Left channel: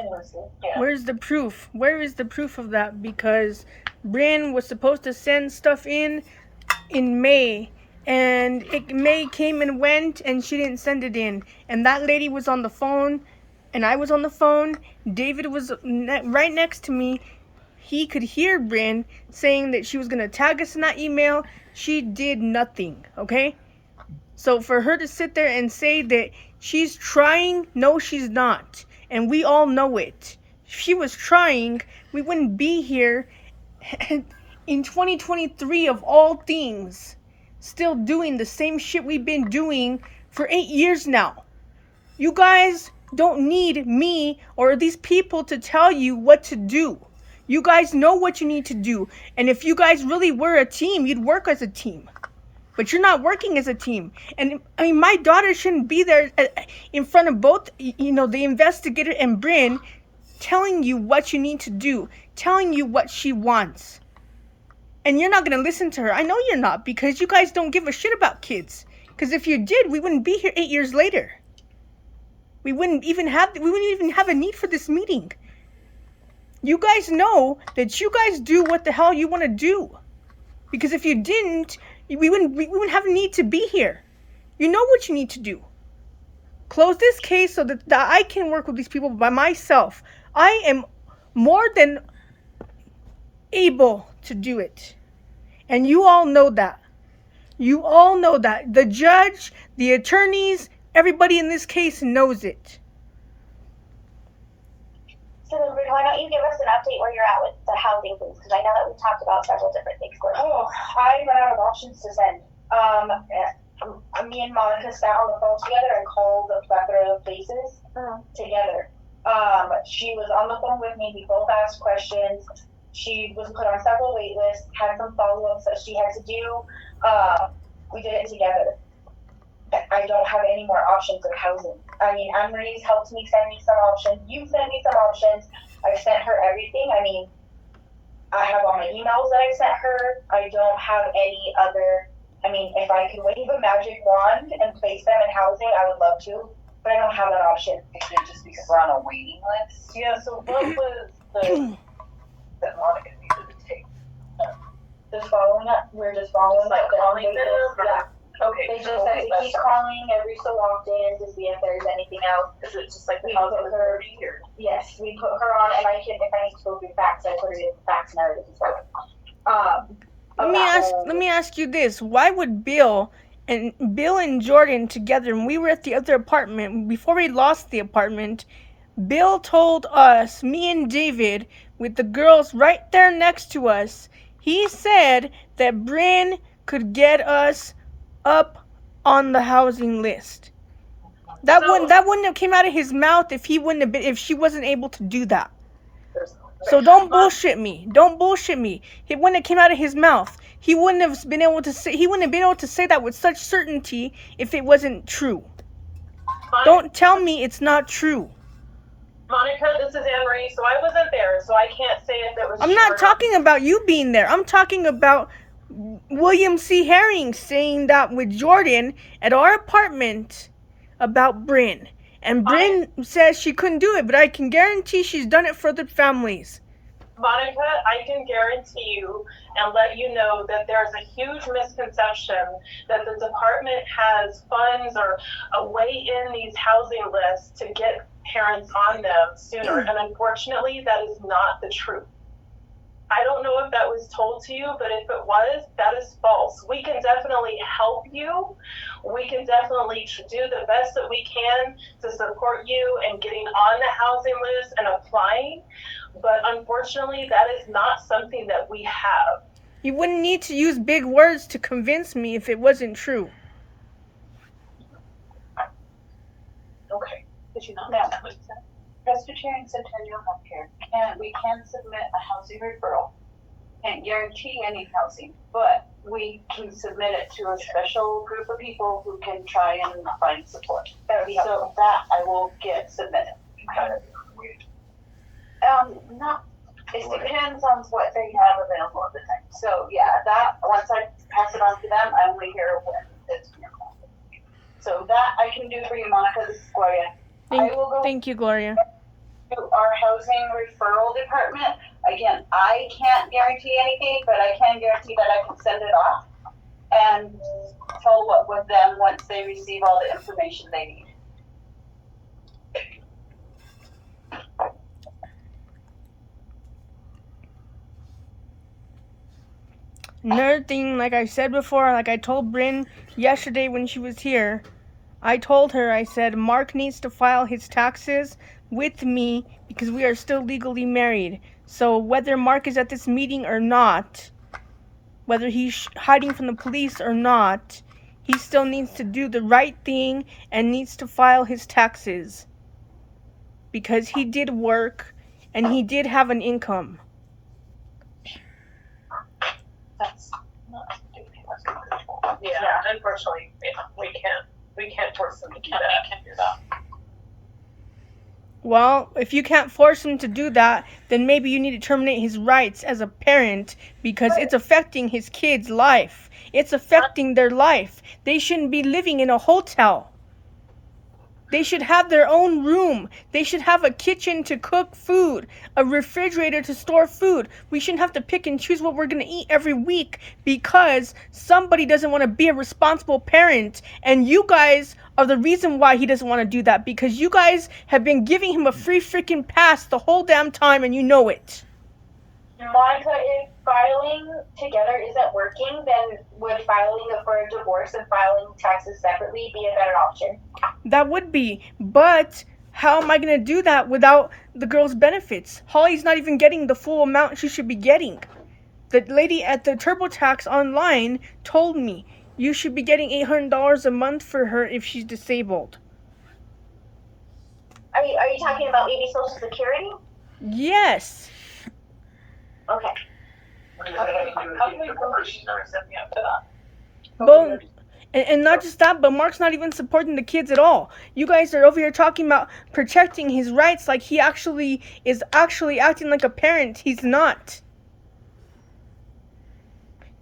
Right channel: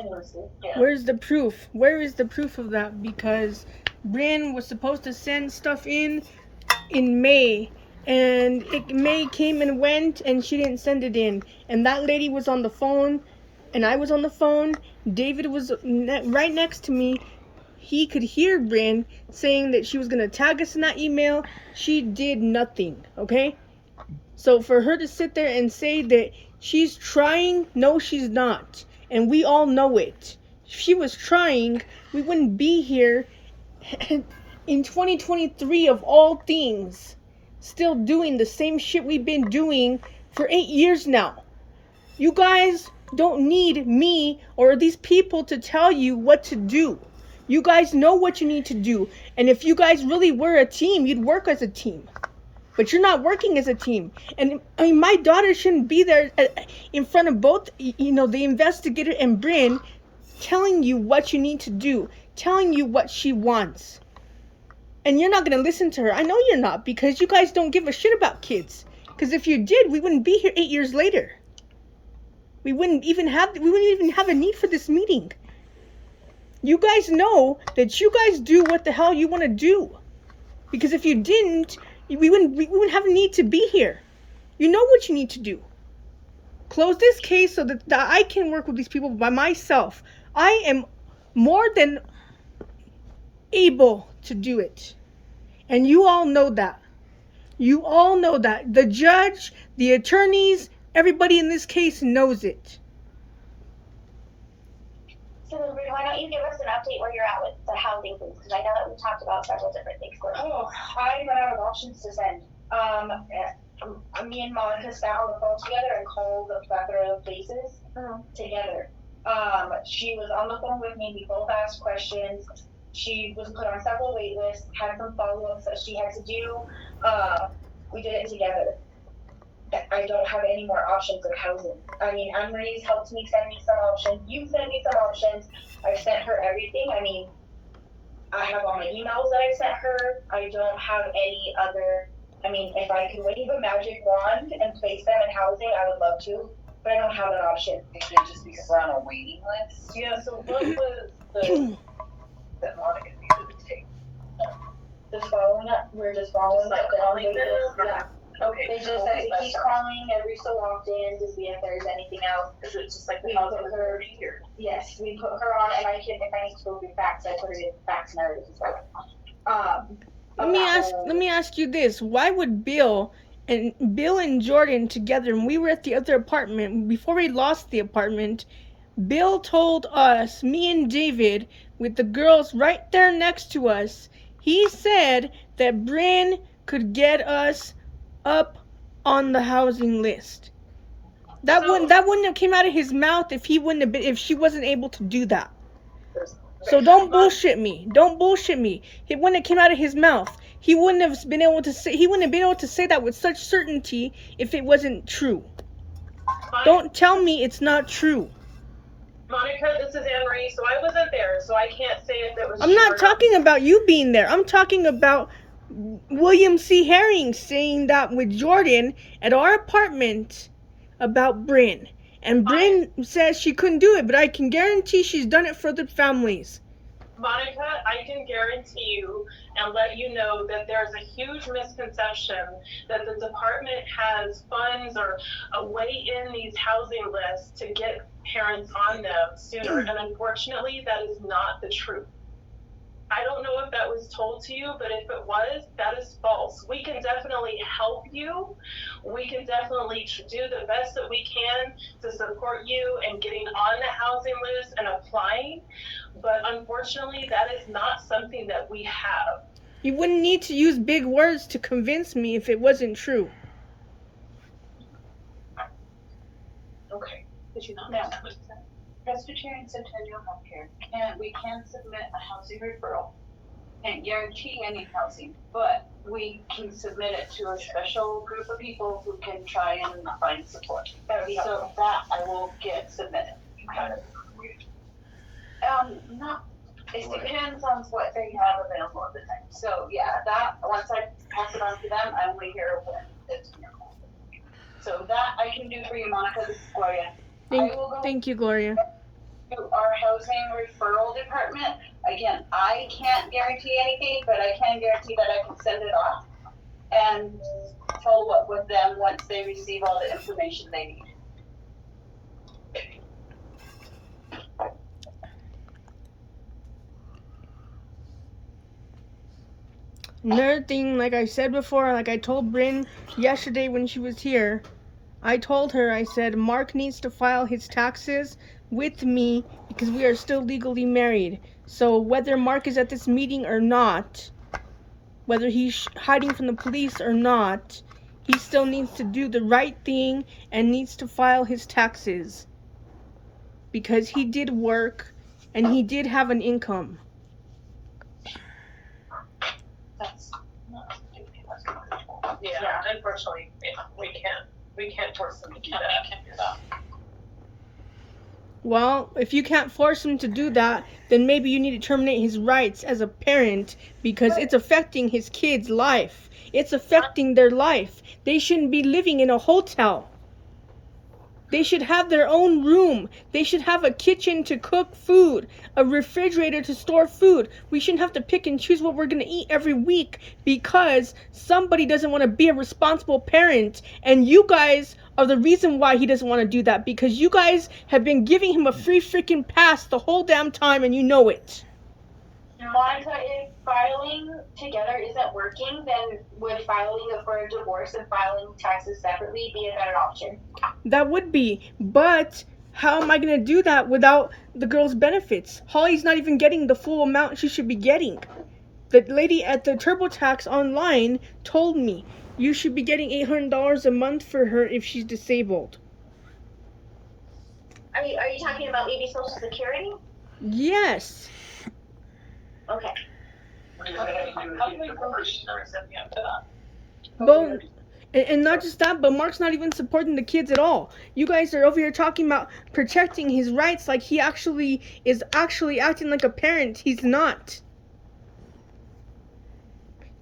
endlessly. Yeah. Where's the proof? Where is the proof of that? Because Bryn was supposed to send stuff in May, and May came and went, and she didn't send it in. And that lady was on the phone, and I was on the phone. David was right next to me. He could hear Bryn saying that she was going to tag us in that email. She did nothing, okay? So for her to sit there and say that she's trying, no, she's not. And we all know it. If she was trying, we wouldn't be here in 2023 of all things, still doing the same shit we've been doing for 8 years now. You guys don't need me or these people to tell you what to do. You guys know what you need to do. And if you guys really were a team, you'd work as a team. But you're not working as a team. And I mean, my daughter shouldn't be there in front of both, you know, the investigator and Bryn, telling you what you need to do, telling you what she wants. And you're not going to listen to her. I know you're not, because you guys don't give a shit about kids. Because if you did, we wouldn't be here 8 years later. We wouldn't even have a need for this meeting. You guys know that you guys do what the hell you want to do. Because if you didn't, we wouldn't have a need to be here. You know what you need to do. Close this case so that I can work with these people by myself. I am more than able to do it. And you all know that. You all know that. The judge, the attorneys, everybody in this case knows it. So then, why don't you give us an update where you're at with the housing things? Because I know that we've talked about several different things. Oh, I ran out of options to send. Me and Monica sat on the phone together and called a plethora of places together. She was on the phone with me. We both asked questions. She was put on several wait lists, had some follow-ups that she had to do. We did it together. I don't have any more options of housing. I mean, Anne-Marie's helped me send me some options. You sent me some options. I've sent her everything. I mean, I have all my emails that I sent her. I don't have any other, I mean, if I could wave a magic wand and place them in housing, I would love to, but I don't have that option. Is it just because we're on a waiting list? Yeah, so what was the, that Monica needed to take? Just following up, we're just following up. Like calling them? Yeah. Okay. They just have to keep calling every so often to see if there's anything else. Is it just like the We housing put her, authority or? yes, we put her on, and if I need to go through facts, I put it in facts narrative as well. Let me ask you this. Why would Bill and Jordan together, when we were at the other apartment, before we lost the apartment, Bill told us, me and David, with the girls right there next to us, he said that Bryn could get us up on the housing list. That wouldn't have came out of his mouth if she wasn't able to do that. So don't bullshit me. Don't bullshit me. It wouldn't have came out of his mouth. He wouldn't have been able to say that with such certainty if it wasn't true. Don't tell me it's not true. Monica, this is Anne-Marie, so I wasn't there, so I can't say if it was I'm not talking about you being there. I'm talking about William C. Herring saying that with Jordan at our apartment about Bryn. And Bryn says she couldn't do it, but I can guarantee she's done it for other families. Monica, I can guarantee you and let you know that there's a huge misconception that the department has funds or a way in these housing lists to get parents on them sooner. And unfortunately, that is not the truth. I don't know if that was told to you, but if it was, that is false. We can definitely help you. We can definitely do the best that we can to support you in getting on the housing list and applying. But unfortunately, that is not something that we have. You wouldn't need to use big words to convince me if it wasn't true. Okay. Did you not No. know what you said? Presbyterian Centennial Healthcare we can submit a housing referral. Can't guarantee any housing, but we can submit it to a special group of people who can try and find support. So that I will get submitted. Not, it depends on what they have available at the time. So yeah, that once I pass it on to them, I only hear when it's in. So that I can do for you, Monica. This is Gloria. Thank you, Gloria. to our housing referral department. Again, I can't guarantee anything, but I can guarantee that I can send it off and follow up with them once they receive all the information they need. Another thing, like I said before, like I told Bryn yesterday when she was here, I told her, I said, Mark needs to file his taxes with me because we are still legally married. So whether Mark is at this meeting or not, whether he's hiding from the police or not, he still needs to do the right thing and needs to file his taxes. Because he did work and he did have an income. That's not yeah, unfortunately, we can't force them to do that. Well, if you can't force him to do that, then maybe you need to terminate his rights as a parent because it's affecting his kid's life. It's affecting their life. They shouldn't be living in a hotel. They should have their own room. They should have a kitchen to cook food, a refrigerator to store food. We shouldn't have to pick and choose what we're going to eat every week because somebody doesn't want to be a responsible parent. And you guys are the reason why he doesn't want to do that because you guys have been giving him a free freaking pass the whole damn time and you know it. Monica, if filing together isn't working, then would filing for a divorce and filing taxes separately be a better option? That would be, but how am I going to do that without the girl's benefits? Holly's not even getting the full amount she should be getting. The lady at the TurboTax online told me you should be getting $800 a month for her if she's disabled. Are you talking about maybe Social Security? Yes. Okay. Well, and not just that, but Mark's not even supporting the kids at all. You guys are over here talking about protecting his rights like he actually is acting like a parent. He's not.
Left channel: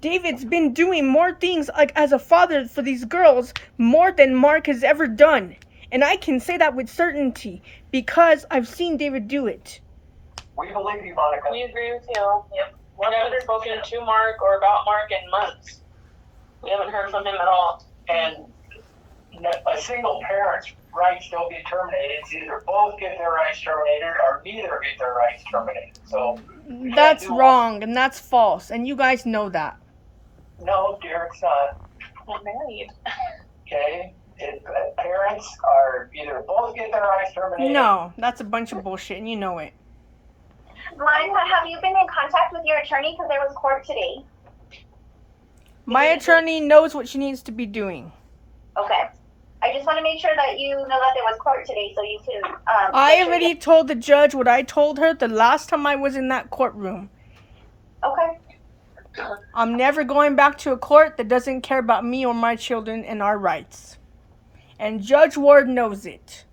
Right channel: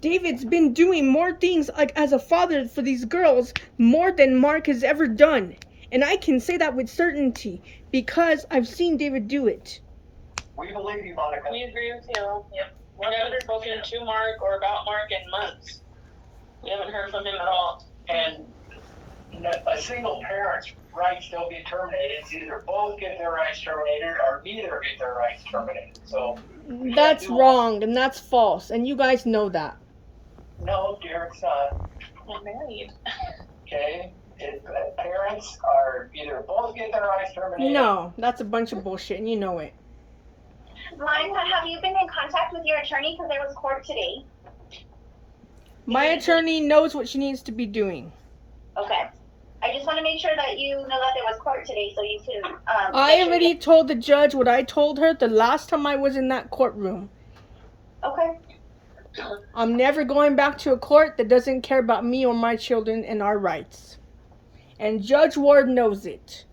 David's been doing more things like as a father for these girls more than Mark has ever done. And I can say that with certainty because I've seen David do it. We believe you, Monica. We agree with you. Yep. We haven't spoken to Mark or about Mark in months. We haven't heard from him at all. And a single parent's rights don't get terminated. It's either both get their rights terminated or neither get their rights terminated. So that's wrong and that's false, and you guys know that. No, dear, it's not. We're married. Okay? Parents are either both get their rights terminated. No, that's a bunch of bullshit, and you know it. Monica, have you been in contact with your attorney because there was court today? My attorney knows what she needs to be doing. Okay. I just want to make sure that you know that there was court today so you can... I already told the judge what I told her the last time I was in that courtroom. Okay. I'm never going back to a court that doesn't care about me or my children and our rights. And Judge Ward knows it.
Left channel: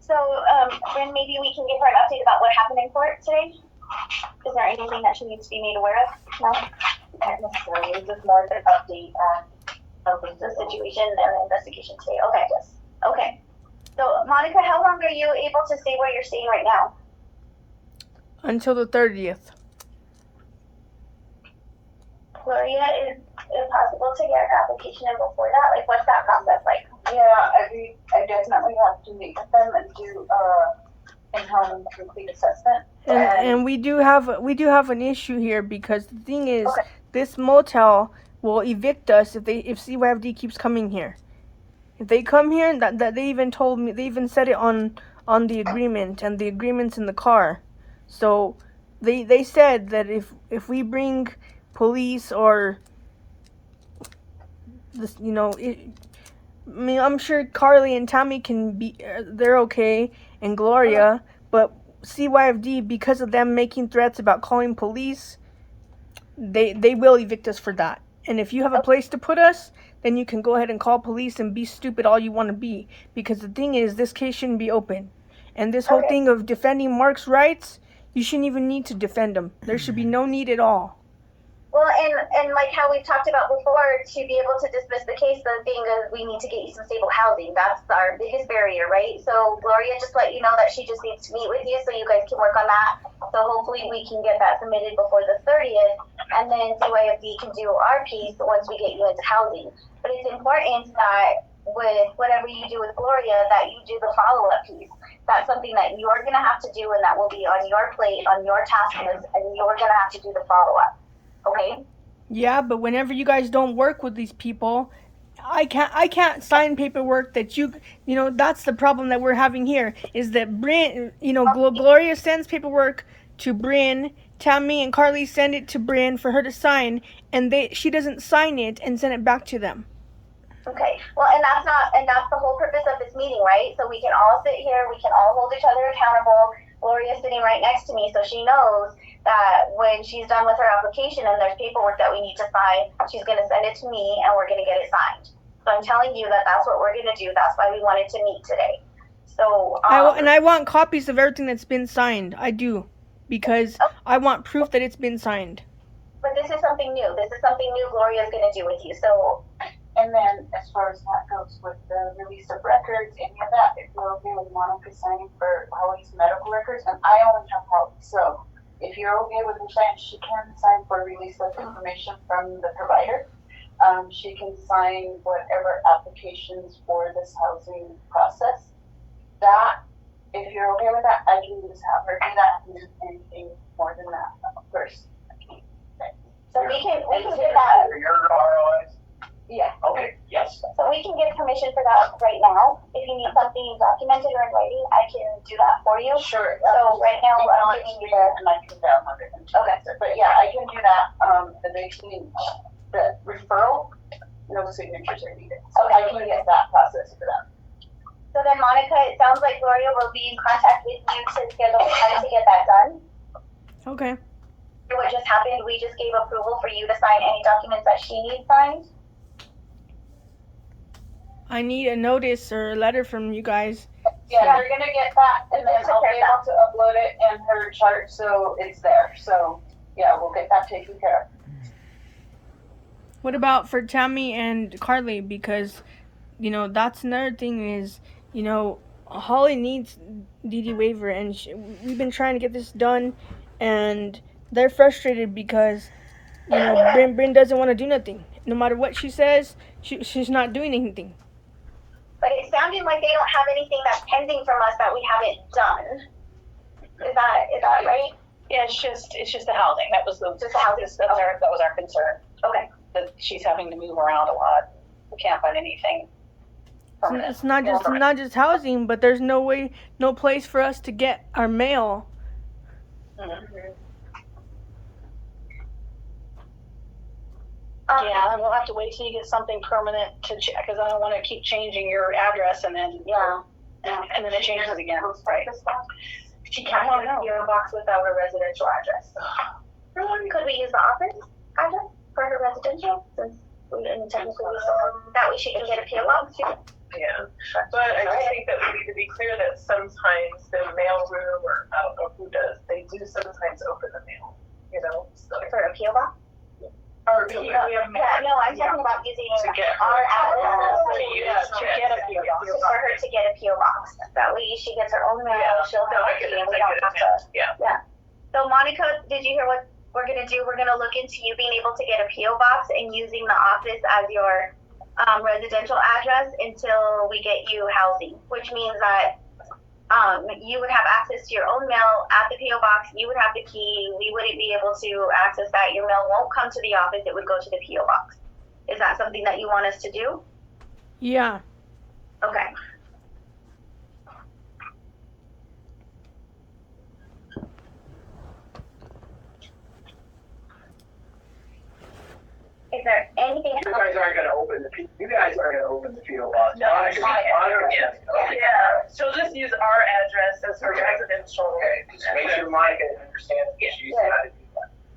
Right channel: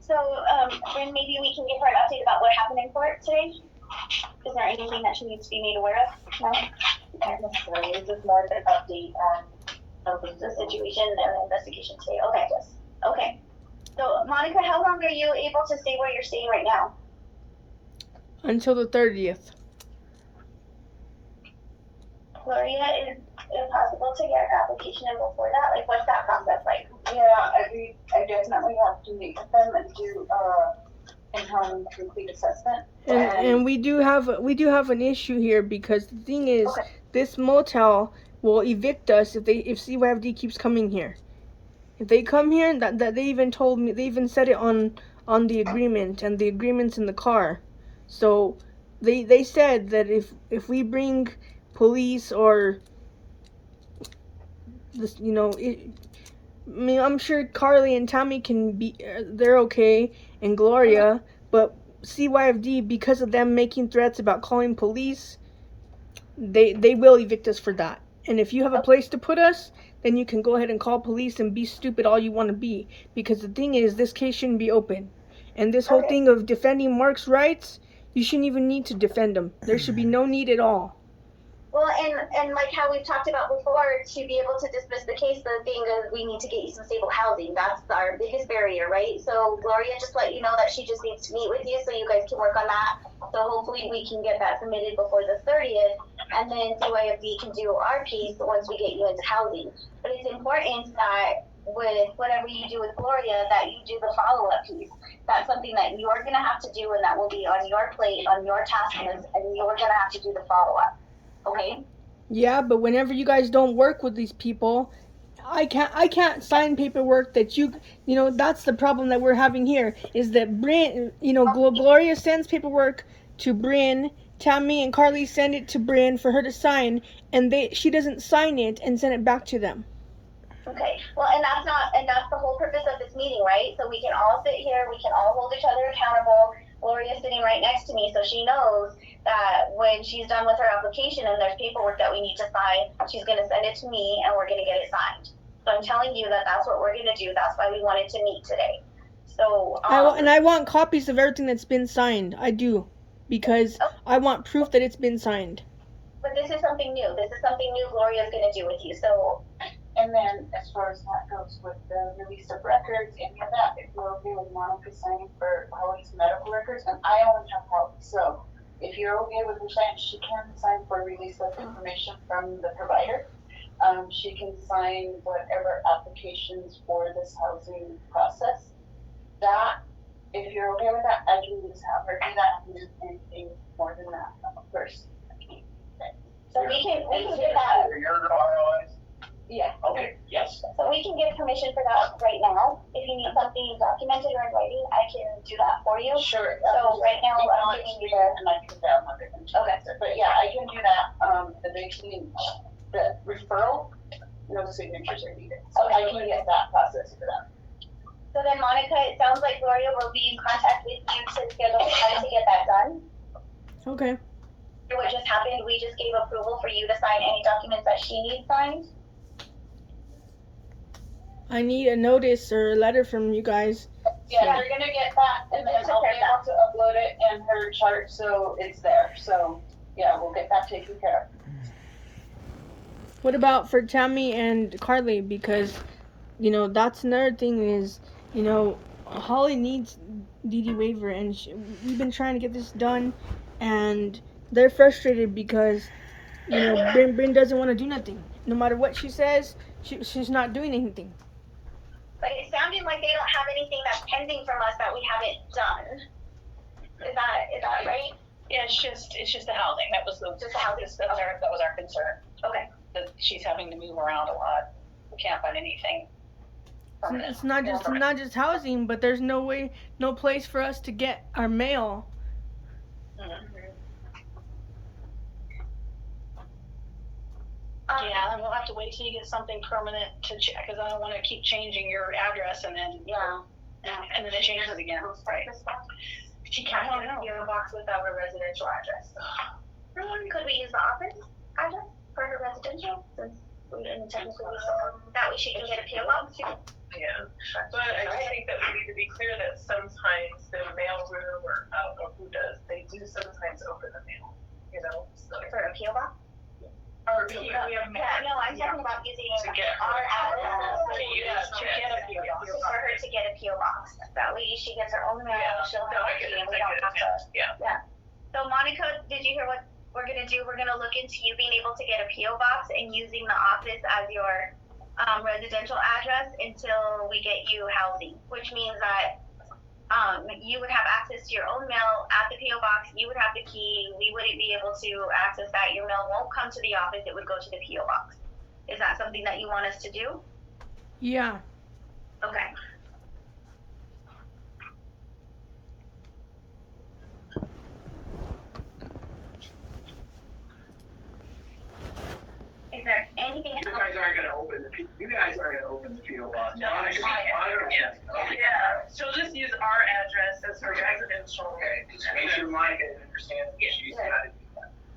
So, Bryn, maybe we can give her an update about what happened in court today? Is there anything that she needs to be made aware of? No? Not necessarily. It's just more of an update on The situation and the investigation today. Okay. Yes. Okay. So, Monica, how long are you able to stay where you're staying right now? Until the 30th. Gloria, is it possible to get an application in before that? Like, what's that process like? Yeah, I definitely have to meet with them and do in-home complete assessment. And we do have an issue here because the thing is, this motel will evict us if CYFD keeps coming here. If they come here, that they even told me, they even said it on the agreement, and the agreement's in the car. So they said that if we bring police or this, I mean, I'm sure Carly and Tammy can be, they're okay, and Gloria, but CYFD, because of them making threats about calling police, they will evict us for that. And if you have a place to put us, then you can go ahead and call police and be stupid all you want to be. Because the thing is, this case shouldn't be open. And this whole thing of defending Mark's rights, you shouldn't even need to defend him. There should be no need at all. Well, and like how we've talked about before, to be able to dismiss the case, the thing is we need to get you some stable housing. That's our biggest barrier, right? So Gloria just let you know that she just needs to meet with you so you guys can work on that. So hopefully we can get that submitted before the 30th, and then CYFD can do our piece once we get you into housing. But it's important that with whatever you do with Gloria, that you do the follow-up piece. That's something that you're gonna have to do, and that will be on your plate, on your task list, and you're gonna have to do the follow-up. Okay. Yeah, but whenever you guys don't work with these people, I can't sign paperwork that you know, that's the problem that we're having here is that Bryn, you know, Gloria sends paperwork to Bryn, Tammy and Carly send it to Bryn for her to sign, and she doesn't sign it and send it back to them. Okay. Well, and that's the whole purpose of this meeting, right? So we can all sit here, we can all hold each other accountable. Gloria's sitting right next to me, so she knows that when she's done with her application and there's paperwork that we need to sign, she's going to send it to me and we're going to get it signed. So I'm telling you that that's what we're going to do. That's why we wanted to meet today. So I want copies of everything that's been signed. I do, because I want proof that it's been signed. But this is something new. This is something new Gloria's going to do with you. So, and then as far as that goes with the release of records, any of that, if you're okay with Monica signing for Holly's medical records, and I only have Holly, so if you're okay with her signing, she can sign for release of information from the provider. She can sign whatever applications for this housing process. That, if you're okay with that, I can just have her do that and do anything more than that, of course. So we can get that. Your ROIs? Yeah. Okay, yes. So we can get permission for that right now. If you need something documented or in writing, I can do that for you. Sure. So right now, I'm giving you the. And I can download it. Okay. But yeah, I can do that. The referral, no signatures are needed. So I can get that process for them. So then, Monica, it sounds like Gloria will be in contact with you to schedule the time to get that done. Okay. What just happened, we just gave approval for you to sign any documents that she needs signed. I need a notice or a letter from you guys. Yeah, you're gonna get that, and then I'll be able to upload it in her chart, so it's there. So yeah, we'll get that taken care of. What about for Tammy and Carly? Because, you know, that's another thing is, you know, Holly needs DD waiver, and we've been trying to get this done, and they're frustrated because, you know, Bryn doesn't want to do nothing. No matter what she says, she's not doing anything. But it sounded like they don't have anything that's pending from us that we haven't done. Is that right? Yeah, it's just the housing. That was Just the housing. that was our concern. Okay. That she's having to move around a lot. We can't find anything permanent. It's not just housing, but there's no place for us to get our mail. Mm-hmm. Yeah. And we'll have to wait till you get something permanent to check, because I don't want to keep changing your address and then and then it changes again. Right. She can't have a PO box without a residential address. Could we use the office address for her residential? Since we didn't technically that way she can get a PO box too. Yeah, but I just think that we need to be clear that sometimes the mail room, or I don't know who does, they do sometimes open the mail, you know? So For a PO box? or No, I'm talking about using To get our address To get a PO box. for her to get a PO box. That way she gets her own mail, she'll No, have I it, get it, and we I don't get have it, to. yeah. So Monica, did you hear what we're gonna do? We're gonna look into you being able to get a PO box and using the office as your residential address until we get you housing, which means that you would have access to your own mail at the PO box. You would have the key. We wouldn't be able to access that. Your mail won't come to the office. It would go to the PO box. Is that something that you want us to do? Yeah. Okay. Is there anything You guys aren't gonna open the PO box. No, Yeah. she'll just use our address as her residential. Okay, just make sure Monica understands what she's got.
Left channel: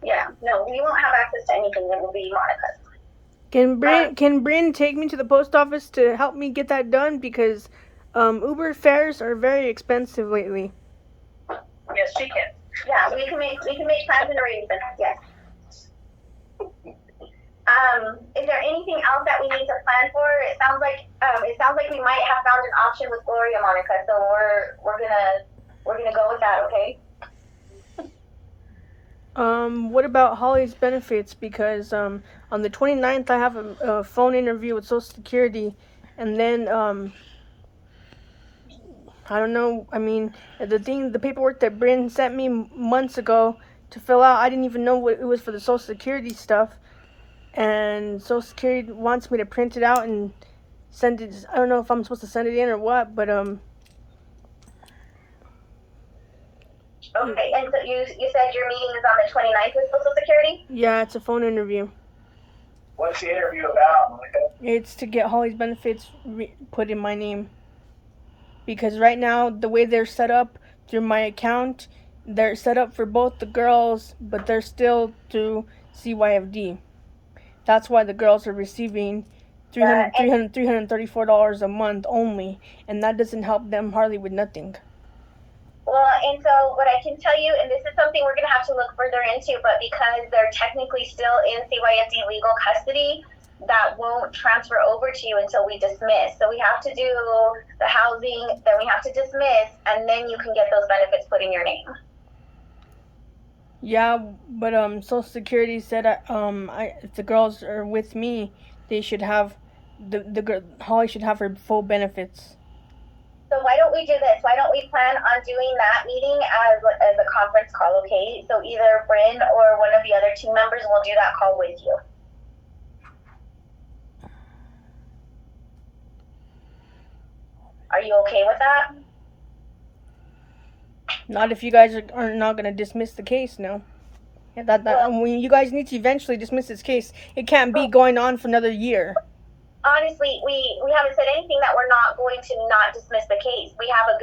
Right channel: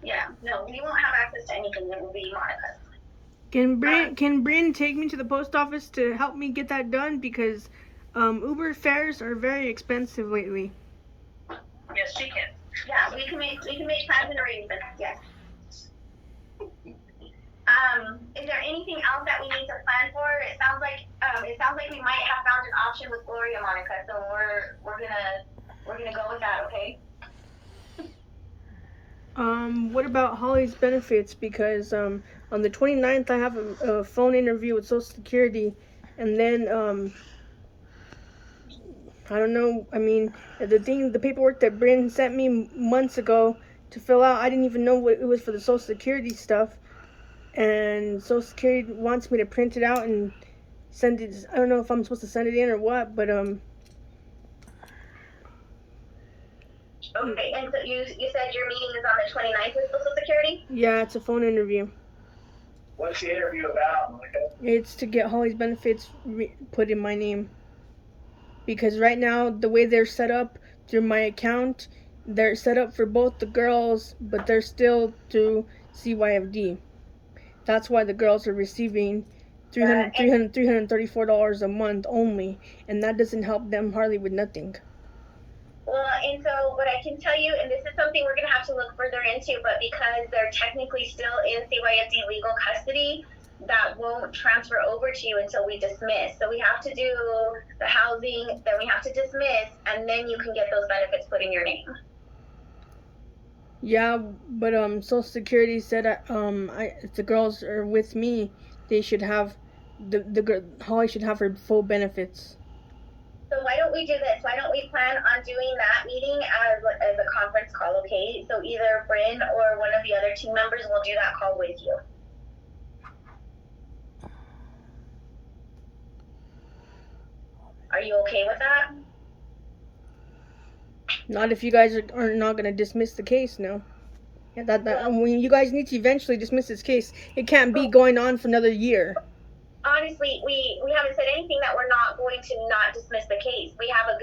Yeah, no, we won't have access to anything. It will be Monica's. Can Bryn take me to the post office to help me get that done? Because Uber fares are very expensive lately. Yes, she can. Yeah, we can make plans and arrangements. Yes. Is there anything else that we need to plan for? It sounds like we might have found an option with Gloria, Monica. So we're gonna go with that, okay? What about Holly's benefits? Because on the 29th I have a phone interview with Social Security, and then I don't know. I mean, the paperwork that Bryn sent me months ago to fill out, I didn't even know what it was for the Social Security stuff, and Social Security wants me to print it out and send it. I don't know if I'm supposed to send it in or what, but Okay, and so you said your meeting is on the 29th with Social Security? yeah, it's a phone interview. What's the interview about, Monica? It's to get Holly's benefits put in my name. Because right now, the way they're set up through my account, they're set up for both the girls, but they're still through CYFD. That's why the girls are receiving $334 a month only, and that doesn't help them hardly with nothing. Well, and so what I can tell you, and this is something we're going to have to look further into, but because they're technically still in CYFD legal custody, that won't transfer over to you until we dismiss. So we have to do the housing, then we have to dismiss, and then you can get those benefits put in your name. Yeah, but Social Security said if the girls are with me, they should have Holly should have her full benefits. So why don't we do this? Why don't we plan on doing that meeting as a conference call, okay? So either Bryn or one of the other team members will do that call with you. Are you okay with that? Not if you guys are not going to dismiss the case, no. When you guys need to eventually dismiss this case, it can't be going on for another year. Honestly, we haven't said anything that we're not going to not dismiss the case. We have a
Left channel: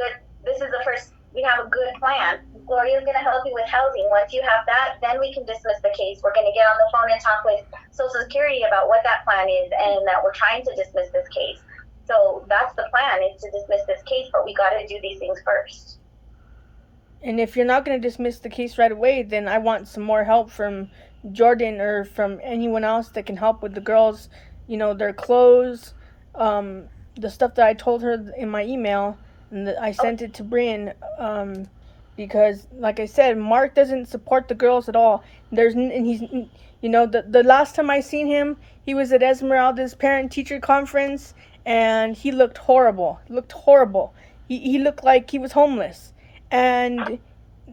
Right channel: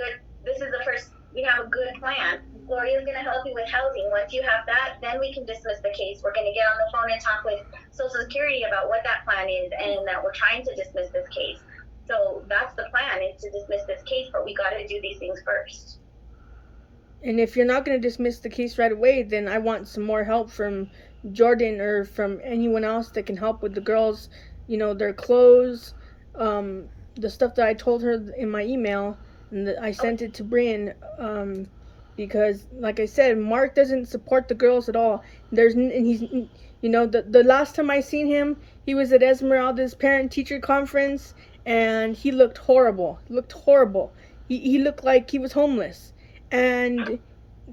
good plan. Gloria's going to help you with housing. Once you have that, then we can dismiss the case. We're going to get on the phone and talk with Social Security about what that plan is and that we're trying to dismiss this case. So that's the plan, is to dismiss this case, but we got to do these things first. And if you're not going to dismiss the case right away, then I want some more help from Jordan or from anyone else that can help with the girls, their clothes, the stuff that I told her in my email, and I sent it to Bryn, because, like I said, Mark doesn't support the girls at all. The last time I seen him, he was at Esmeralda's parent-teacher conference, and he looked horrible. He looked like he was homeless. And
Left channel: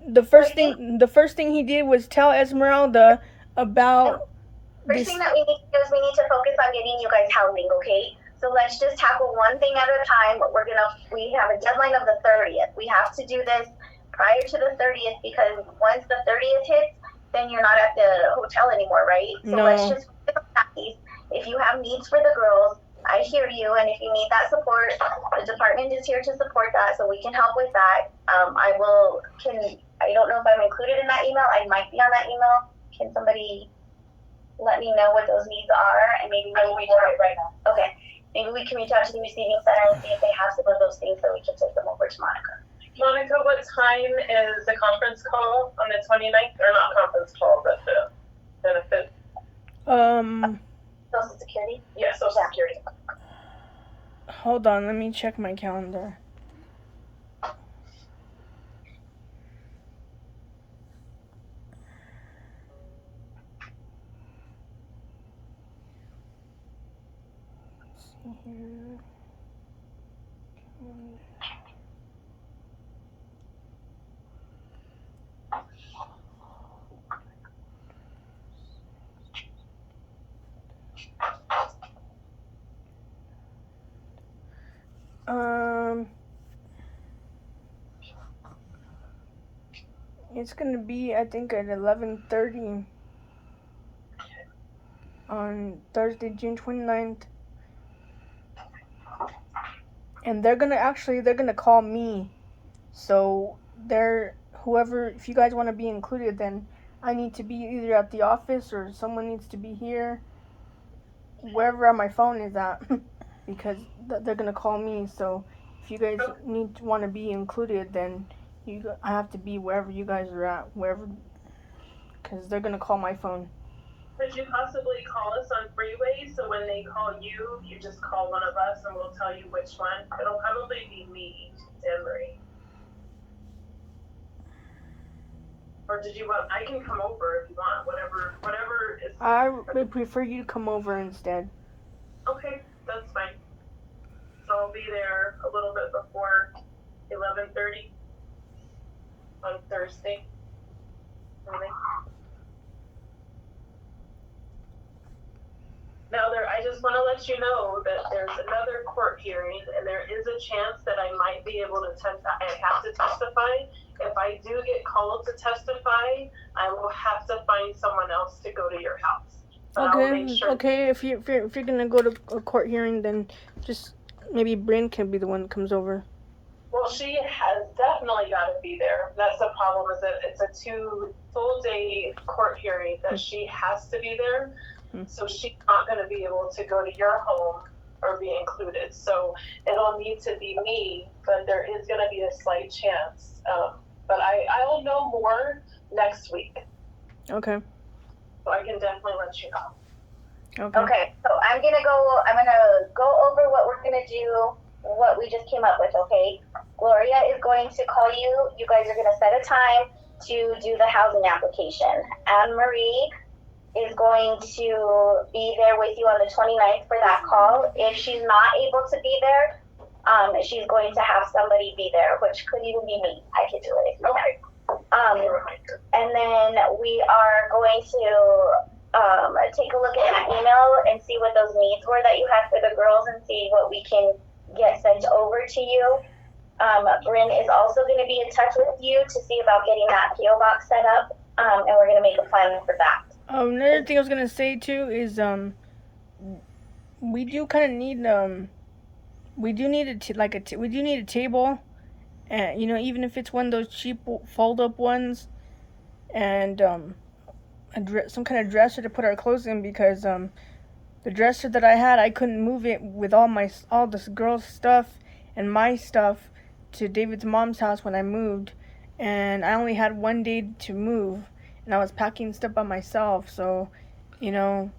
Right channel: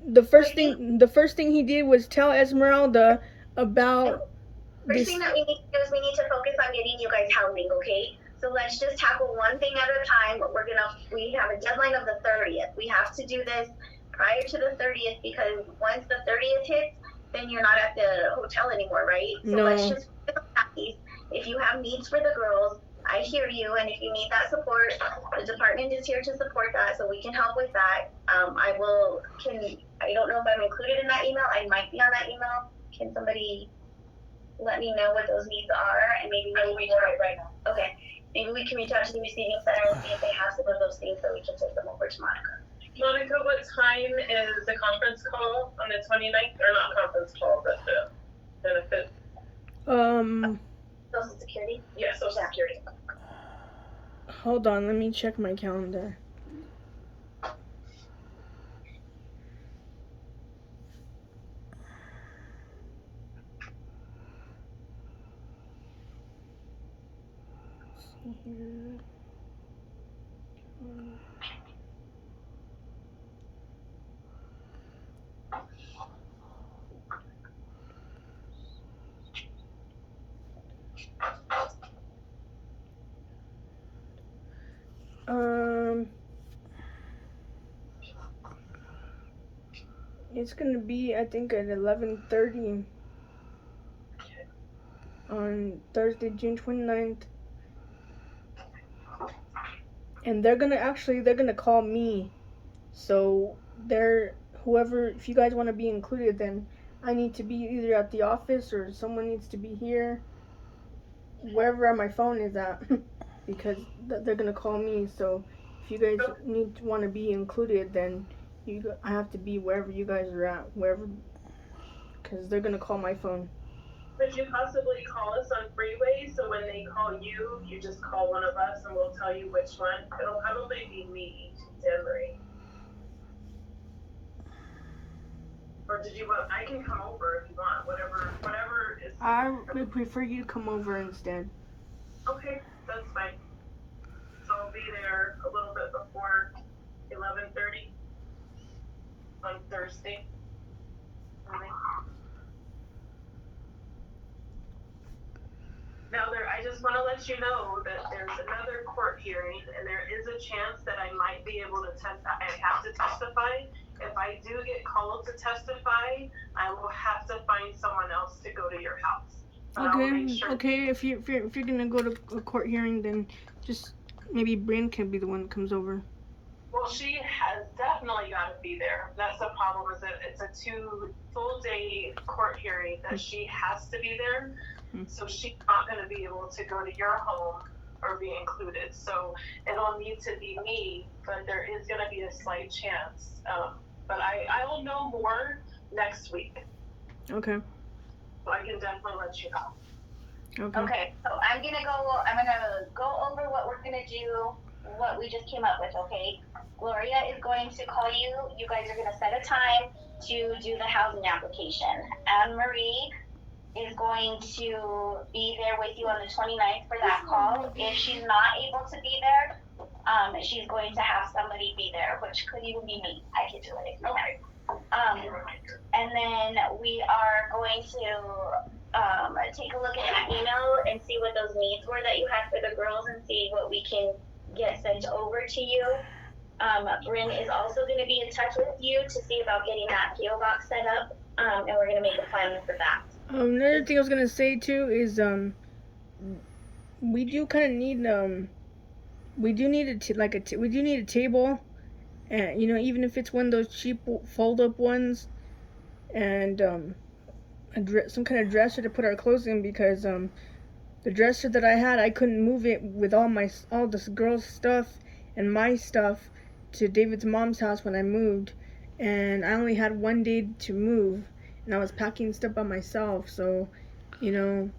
the first thing he did was tell Esmeralda about First thing that we need to do is we need to focus on getting you guys housing, okay? So let's just tackle one thing at a time. We have a deadline of the 30th. We have to do this prior to the 30th, because once the 30th hits, then you're not at the hotel anymore, right? So let's just focus on that piece. If you have needs for the girls, I hear you, and if you need that support, the department is here to support that, so we can help with that. I don't know if I'm included in that email. I might be on that email. Can somebody let me know what those needs are, and maybe I will reach out right now. Okay, maybe we can reach out to the receiving center and see if they have some of those things, so we can take them over to Monica. Monica, what time is the conference call on the 29th? Or not conference call, but the benefit? Social Security? Yeah, Social Security. Hold on, let me check my calendar. It's gonna be, I think, at 11:30 on Thursday, June 29th. And they're gonna call me. So if you guys want to be included, then I need to be either at the office or someone needs to be here, wherever my phone is at, because they're gonna call me. So if you guys want to be included, then I have to be wherever you guys are at, because they're gonna call my phone. Could you possibly call us on freeway, so when they call you, you just call one of us and we'll tell you which one? It'll probably be me, Marie. Or did you want, I can come over if you want, whatever is. I would prefer you to come over instead. Okay, that's fine. So I'll be there a little bit before 11:30 on Thursday morning. Now I just want to let you know that there's another court hearing, and there is a chance that I might be able to I have to testify. If I do get called to testify, I will have to find someone else to go to your house. But Okay. If you're gonna go to a court hearing, then just maybe Bryn can be the one that comes over. Well, she has definitely got to be there. That's the problem, is that it's a 2 full day court hearing that she has to be there. So she's not going to be able to go to your home or be included. So it'll need to be me, but there is going to be a slight chance. But I'll know more next week. Okay. So I can definitely let you know. Okay, so I'm gonna go over what we're gonna do, what we just came up with, okay? Gloria is going to call you. You guys are gonna set a time to do the housing application. Anne-Marie is going to be there with you on the 29th for that call. If she's not able to be there, she's going to have somebody be there, which could even be me. I could do it if you want. And then we are going to take a look at that email and see what those needs were that you had for the girls and see what we can get sent over to you. Bryn is also going to be in touch with you to see about getting that PO box set up, and we're going to make a plan for that. Another thing I was gonna say too is we do kind of need we do need a table, and even if it's one of those cheap fold up ones, and some kind of dresser to put our clothes in, because the dresser that I had, I couldn't move it with all this girl's stuff and my stuff to David's mom's house when I moved, and I only had 1 day to move, and I was packing stuff by myself, so so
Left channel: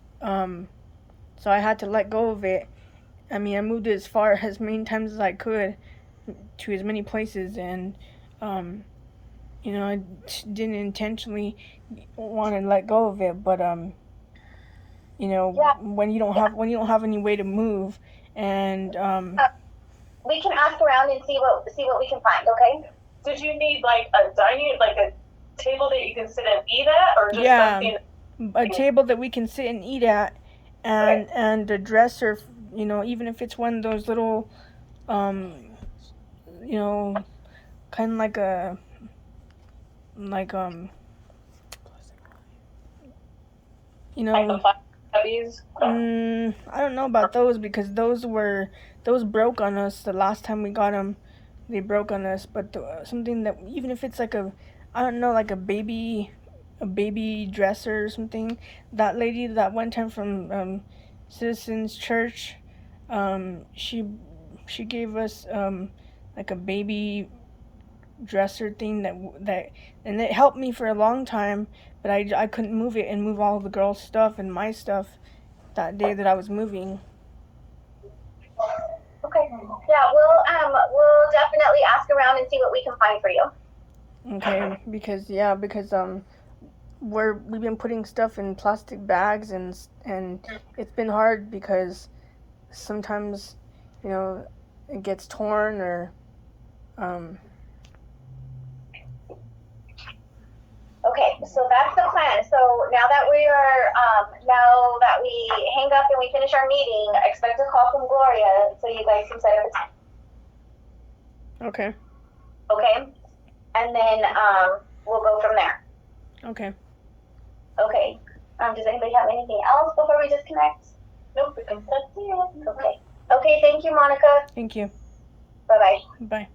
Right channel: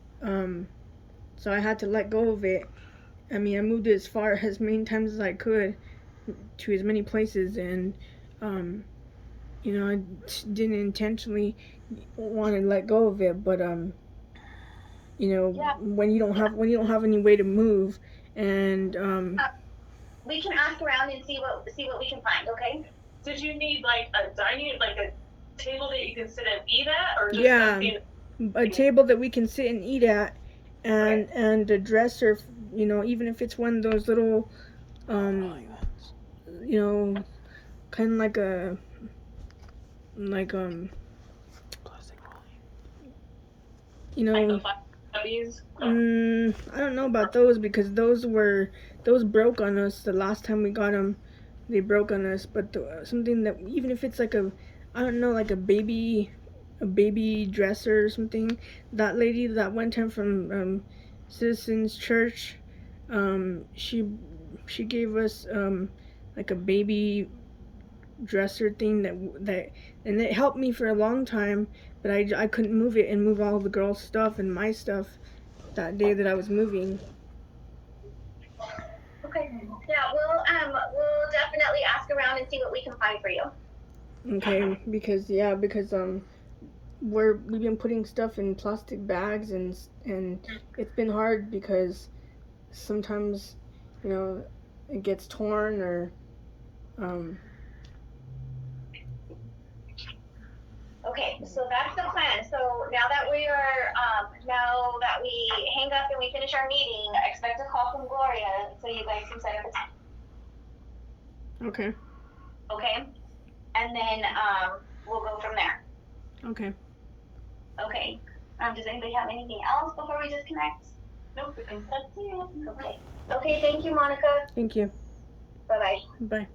I had to let go of it. I mean, I moved it as many times as I could to as many places, and I didn't intentionally want to let go of it, but when you don't have any way to move, and we can ask around and see what we can find. Okay. Did you need like a table that you can sit and eat at, or just something? A table that we can sit and eat at, and a dresser, even if it's one of those little, kind of like a, I don't know about those, because those broke on us the last time we got them. They broke on us, but something that, even if it's like like a baby dresser or something. That lady that one time from Citizens Church, she gave us like a baby dresser thing that and it helped me for a long time, but I couldn't move it and move all the girls' stuff and my stuff that day that I was moving. Okay. Yeah, we'll definitely ask around and see what we can find for you. Okay, because we've been putting stuff in plastic bags, and it's been hard because sometimes it gets torn, or Okay, so that's the plan. So now that we hang up and we finish our meeting, expect a call from Gloria so you guys can set up a time. Okay. Okay? And then we'll go from there. Okay. Okay. Does anybody have anything else before we disconnect? Nope, that's it. Okay. Okay, thank you, Monica. Thank you. Bye-bye. Bye.